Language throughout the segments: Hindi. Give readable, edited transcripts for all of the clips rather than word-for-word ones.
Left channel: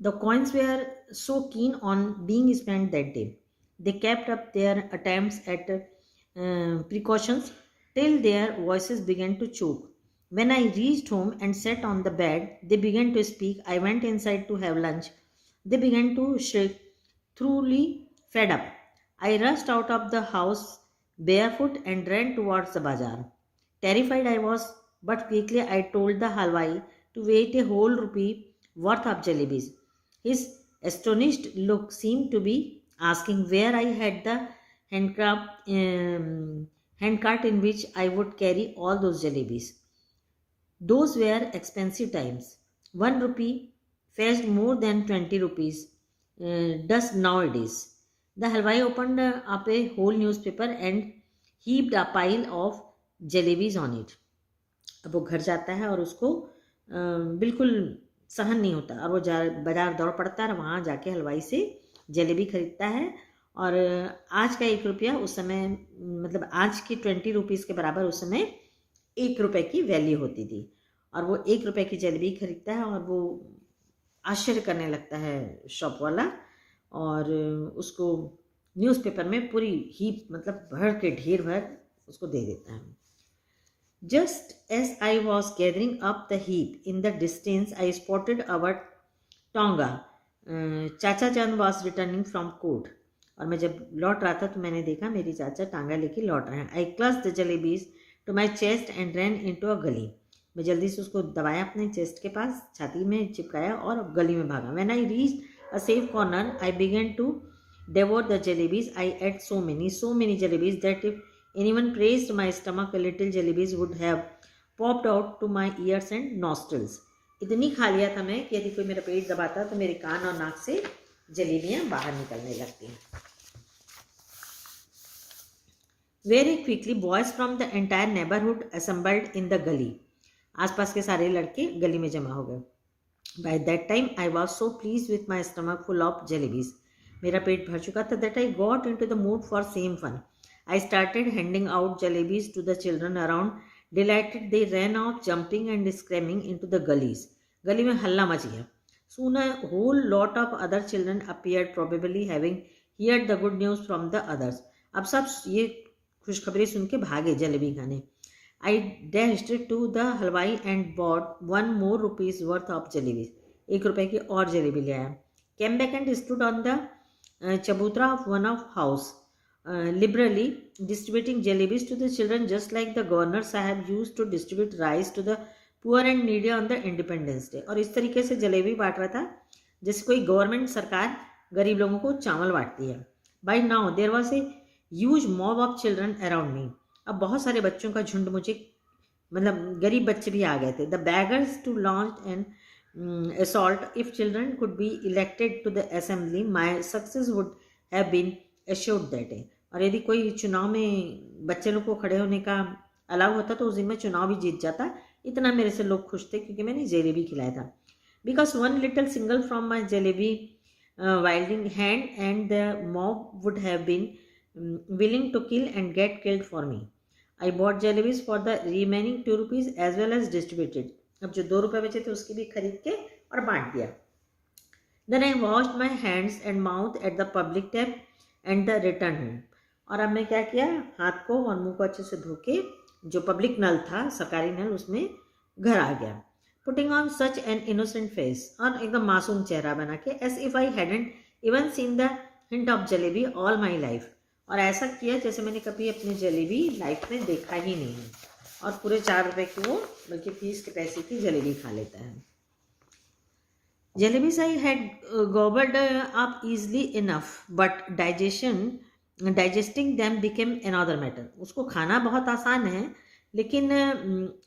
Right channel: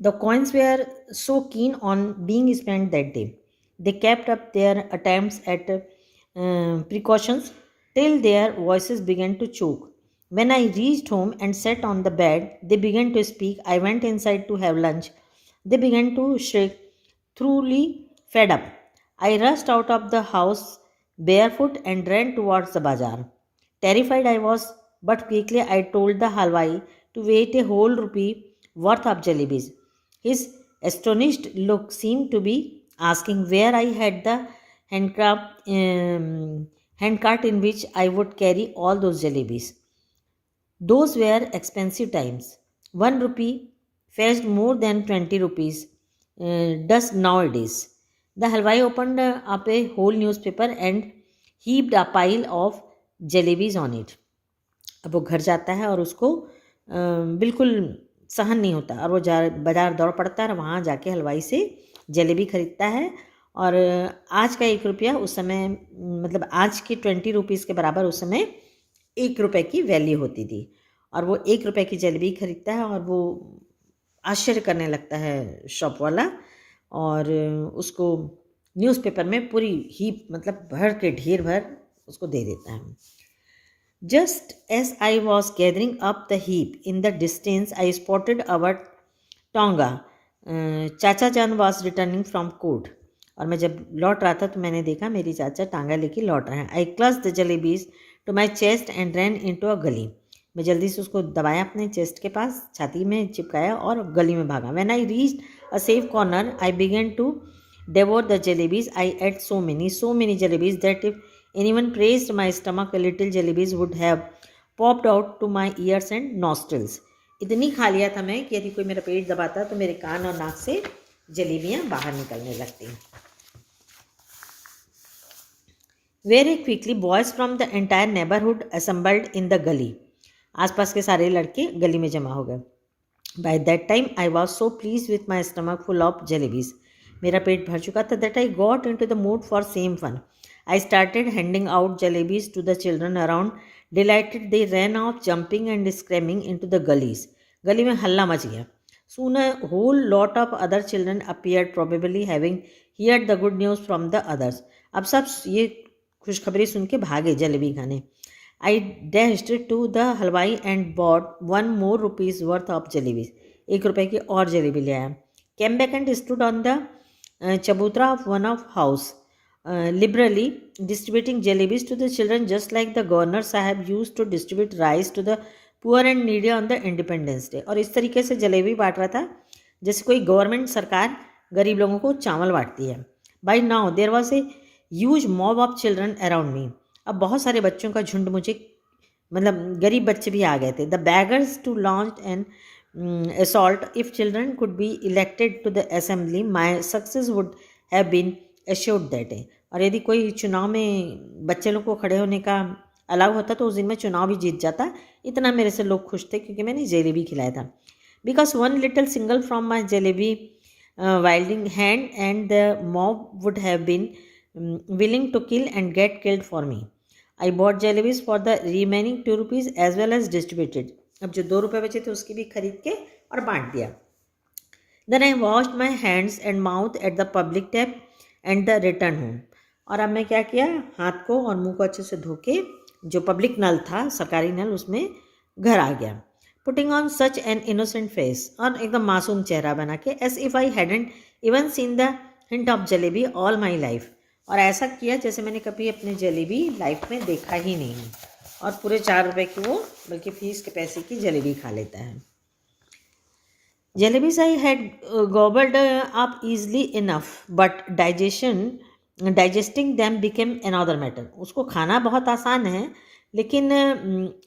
The coins were so keen on being spent that day. They kept up their attempts at precautions till their voices began to choke. When I reached home and sat on the bed, they began to speak. I went inside to have lunch. They began to shriek, truly fed up. I rushed out of the house barefoot and ran towards the bazaar. Terrified I was, but quickly I told the halwai to wait a whole rupee worth of jalebis. His astonished look seemed to be asking where I had the handcraft, handcart in which I would carry all those jalebis. Those were expensive times. 1 rupee fetched more than 20 rupees does nowadays. The halwai opened up a whole newspaper and heaped a pile of jalebis on it. अब वो घर जाता है और उसको बिल्कुल सहन नहीं होता और वो बाजार दौड़ पड़ता है और वहाँ जाके हलवाई से जलेबी खरीदता है। और आज का 1 रुपया उस समय मतलब आज की 20 रुपीज़ के बराबर उस समय 1 रुपये की वैल्यू होती थी। और वो 1 रुपये की जलेबी खरीदता है और वो आश्चर्य करने लगता है शॉप वाला और उसको न्यूज़पेपर में पूरी हीप मतलब भर के ढेर भर उसको दे देता है। Just as I was gathering up the heap in the distance, I spotted our Tonga. चाचा जान was returning from court. और मैं जब लौट रहा था तो मैंने देखा मेरी चाचा टांगा लेके लौट रहे हैं। I clutched the jalebis to my chest and ran into a gully. मैं जल्दी से उसको दबाया अपने चेस्ट के पास, छाती में चिपकाया और गली में भागा। When I reached a safe corner, I began to devour the jalebis. I ate so many jalebis that if anyone praised my stomach, a little jalebis would have popped out to my ears and nostrils. इतनी खा लिया था मैं कि यदि कोई मेरा पेट दबाता तो मेरे कान और नाक से जलेबियां बाहर निकलने लगती। Very quickly, boys from the entire neighborhood assembled in the gully. आसपास के सारे लड़के गली में जमा हो गए। By that time, I was so pleased with my stomach full of jalebis. मेरा पेट भर चुका था that I got into the mood for same fun. I started handing out jalebis to the children around. Delighted, they ran off, jumping and screaming into the gullies. गली में हल्ला मच गया. Soon a whole lot of other children appeared, probably having heard the good news from the others. अब सब ये खुशखबरी सुन के भागे जलेबी खाने. I dashed to the halwai and bought 1 more rupees worth of jalebis. 1 रुपए की और जलेबी ले आया. Came back and stood on the chabutra of one of house. Liberally distributing jalebis to the children just like the governor sahab used to distribute rice to the poor and needy on the Independence Day. और इस तरीके से जलेबी बांट रहा था जैसे कोई गवर्नमेंट सरकार गरीब लोगों को चावल बांटती है। By now there was a huge mob of children around me. अब बहुत सारे बच्चों का झुंड मुझे मतलब गरीब बच्चे भी आ गए थे। The beggars to launch an assault. If children could be elected to the assembly, my success would have been assured that day. और यदि कोई चुनाव में बच्चे लोग को खड़े होने का अलाउ होता तो उस दिन में चुनाव भी जीत जाता। इतना मेरे से लोग खुश थे क्योंकि मैंने जलेबी खिलाया था। Because one little single from my jalebi wielding hand and the mob would have been willing to kill and get killed for me. I bought jalebis for the remaining 2 rupees as well as distributed. अब जो 2 रुपए बचे थे उसकी भी खरीद के और बांट दिया। Then I washed my hands and mouth at the public tap and the return home. और अब मैं क्या किया, हाथ को और मुंह को अच्छे से धो के जो पब्लिक नल था सरकारी नल उसमें घर आ गया। Putting on such an innocent face, और एकदम मासूम चेहरा बना के as if I hadn't even seen the hint of jalebi all my life. और ऐसा किया जैसे मैंने कभी अपने जलेबी लाइफ में देखा ही नहीं। और पूरे 4 रुपए की वो बल्कि फीस के पैसे की जलेबी खा लेता है। Jalebis I had gobbled up easily enough, but digesting them became another matter. उसको खाना बहुत आसान है लेकिन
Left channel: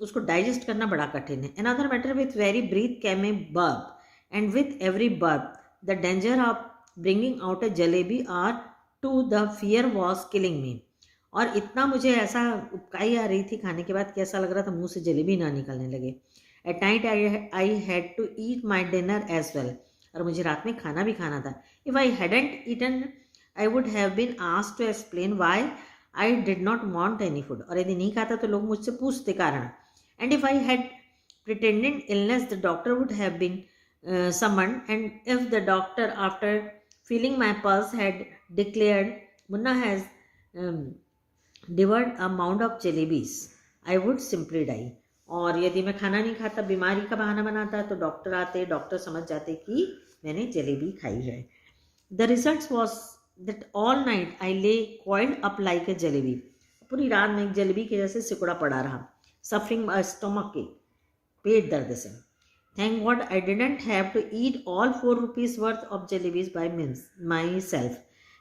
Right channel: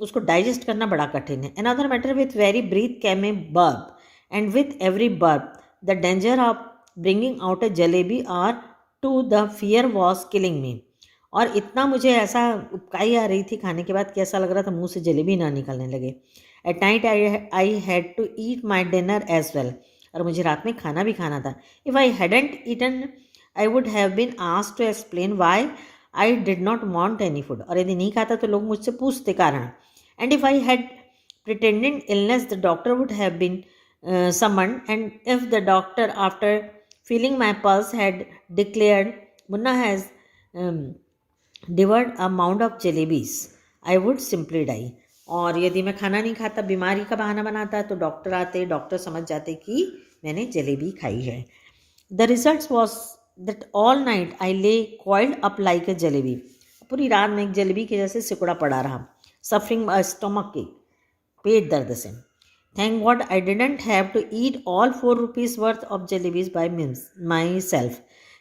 उसको डाइजेस्ट करना बड़ा कठिन है। Another matter with very breath came a burp, and with every burp, the danger of bringing out a jalebi or two, the fear was killing me. और इतना मुझे ऐसा उबकाई आ रही थी खाने के बाद कि ऐसा लग रहा था मुंह से जलेबी ना निकलने लगे। At night I had to eat my dinner as well. और मुझे रात में खाना भी खाना था। If I hadn't eaten, I would have been asked to explain why I did not want any food. और यदि नहीं खाता तो लोग मुझसे पूछते कारण। And if I had pretended illness, the doctor would have been summoned, and if the doctor, after feeling my pulse, had declared, Munna has um, devoured a mound of jalebis, I would simply die. और यदि मैं खाना नहीं खाता, बीमारी का बहाना बनाता, तो डॉक्टर आते, डॉक्टर समझ जाते कि मैंने जलेबी खाई है. The result was that all night I lay coiled up like a jalebi. पूरी रात में एक जलेबी के जैसे सिकुड़ा पड़ा रहा, सफरिंग स्टमक के, पेट दर्द से. Thank God I didn't have to eat all 4 rupees worth of jalebis by myself.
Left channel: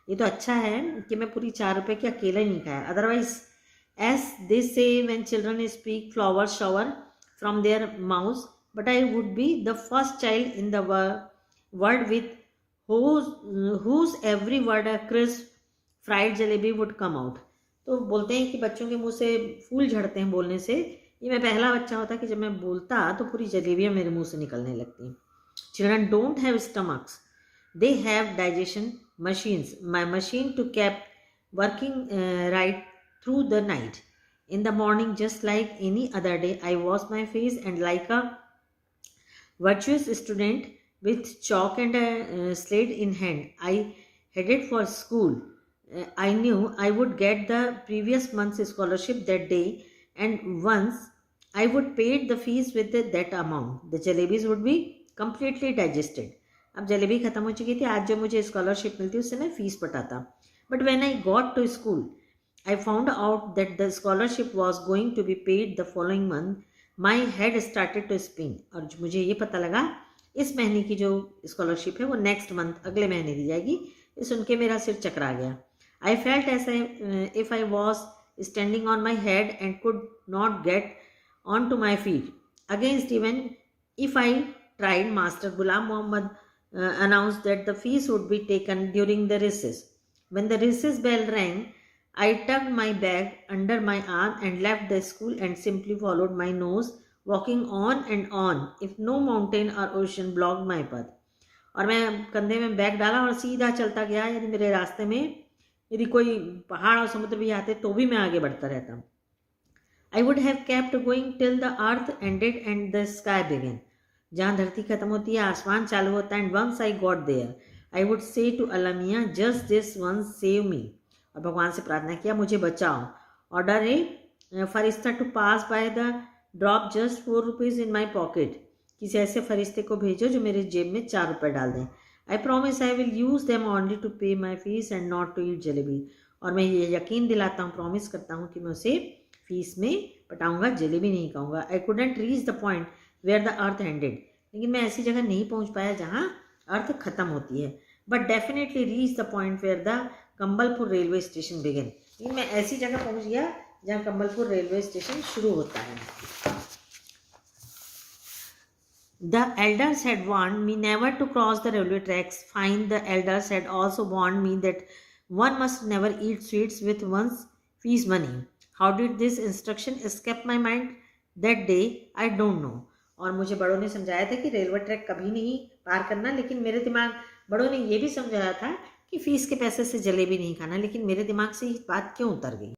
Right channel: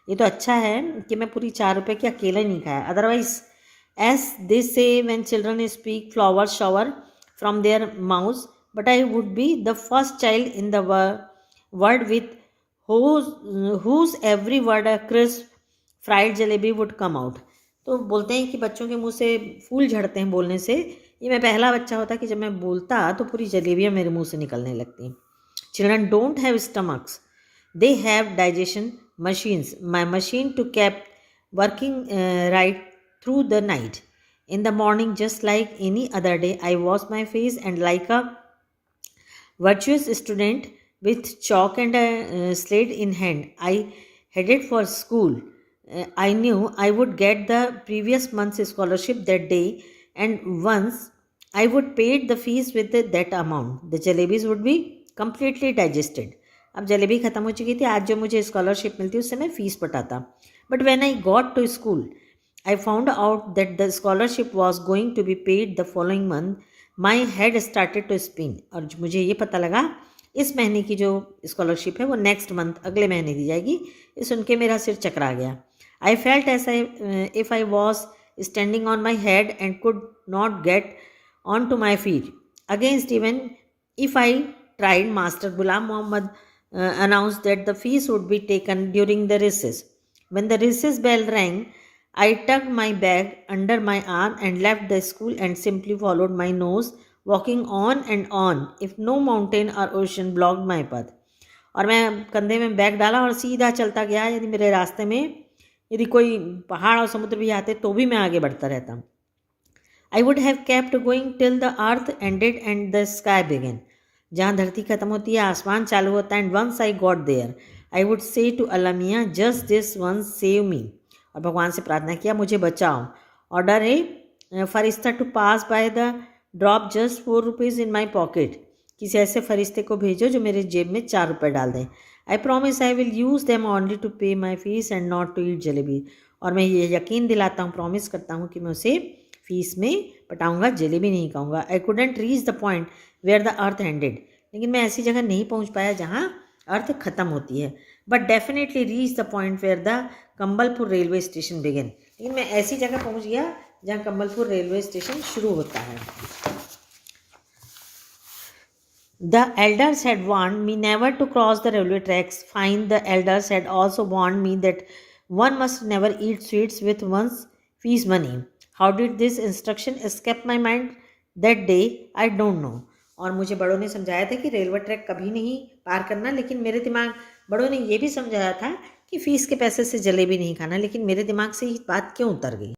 ये तो अच्छा है कि मैं पूरी 4 रुपये की अकेले नहीं खाया. Otherwise, as they say when children speak flowers shower from their mouths, but I would be the first child in the world with whose every word a crisp fried jalebi would come out. तो बोलते हैं कि बच्चों के मुंह से फूल झड़ते हैं बोलने से. ये मैं पहला बच्चा होता कि जब मैं बोलता तो पूरी जलेबियाँ मेरे मुंह से निकलने लगती. Children don't have stomachs, they have digestion machines. My machine to kept working right through the night. In the morning, just like any other day, I wash my face, and like a virtuous student with chalk and a slate in hand, I headed for school. I knew I would get the previous month's scholarship that day, and once I would pay the fees with that amount, the jalebis would be completely digested. अब जलेबी ख़त्म हो चुकी थी. आज जो मुझे स्कॉलरशिप मिलती उससे मैं फ़ीस पटाता. But when I got to school, I found out that the scholarship was going to be paid the following month. My head started to spin. और मुझे ये पता लगा इस महीने की जो स्कॉलरशिप है वो नेक्स्ट मंथ, अगले महीने दी जाएगी. ये सुन के मेरा सिर चकरा गया. I felt as if I was standing on my head and could not get onto my feet. Against even if I tried, Master Ghulam Muhammad announced that the fees would be taken during the recess. When the recess bell rang, I tucked my bag under my arm and left the school and simply followed my nose, walking on and on if no mountain or ocean blocked my path. और मैं कंधे में बैग डाला और सीधा चलता गया. यदि मेरे रास्ते में यदि कोई पहाड़ और समुद्र भी आते तो भी मैं आगे बढ़ता रहता. I would have kept going till the earth ended and the sky began. जहाँ धरती खत्म होती है आसमान चालू होता है. And once I got there, I would say to Allah Miyan, just this once save me. और भगवान से प्रार्थना किया, मुझे बचाओ. ऑर्डर ए फरिश्ता to pass by the drop just 4 rupees in my pocket. किसी ऐसे फरिश्ते को भेजो जो मेरे जेब में 4 रुपये डाल दें. I promise I will use them only to pay my fees and not to eat jalebi. और मैं ये यकीन दिलाता हूँ, प्रॉमिस करता हूँ कि मैं उसे फीस में पटाऊँगा, जलेबी नहीं खाऊँगा. I couldn't reach the point where the earth ended. लेकिन मैं ऐसी जगह नहीं पहुँच पाया जहाँ अर्थ ख़त्म होती है. But definitely reach the point where the Kambalpur railway station begin. लेकिन मैं ऐसी जगह पहुंच गया जहां कंबलपुर रेलवे स्टेशन शुरू होता है. The elders had warned me never to cross the railway tracks. Fine, the elders had also warned me that one must never eat sweets with one's fees money. How did this instruction escape my mind that day? I don't know. और मुझे बड़ों ने समझाया था कि रेलवे ट्रैक कभी नहीं पार करना, लेकिन मेरे दिमाग, बड़ों ने ये भी समझाया था कि फ़ीस के पैसे से जलेबी नहीं खाना, लेकिन मेरे दिमाग से ये बात क्यों उतर गई.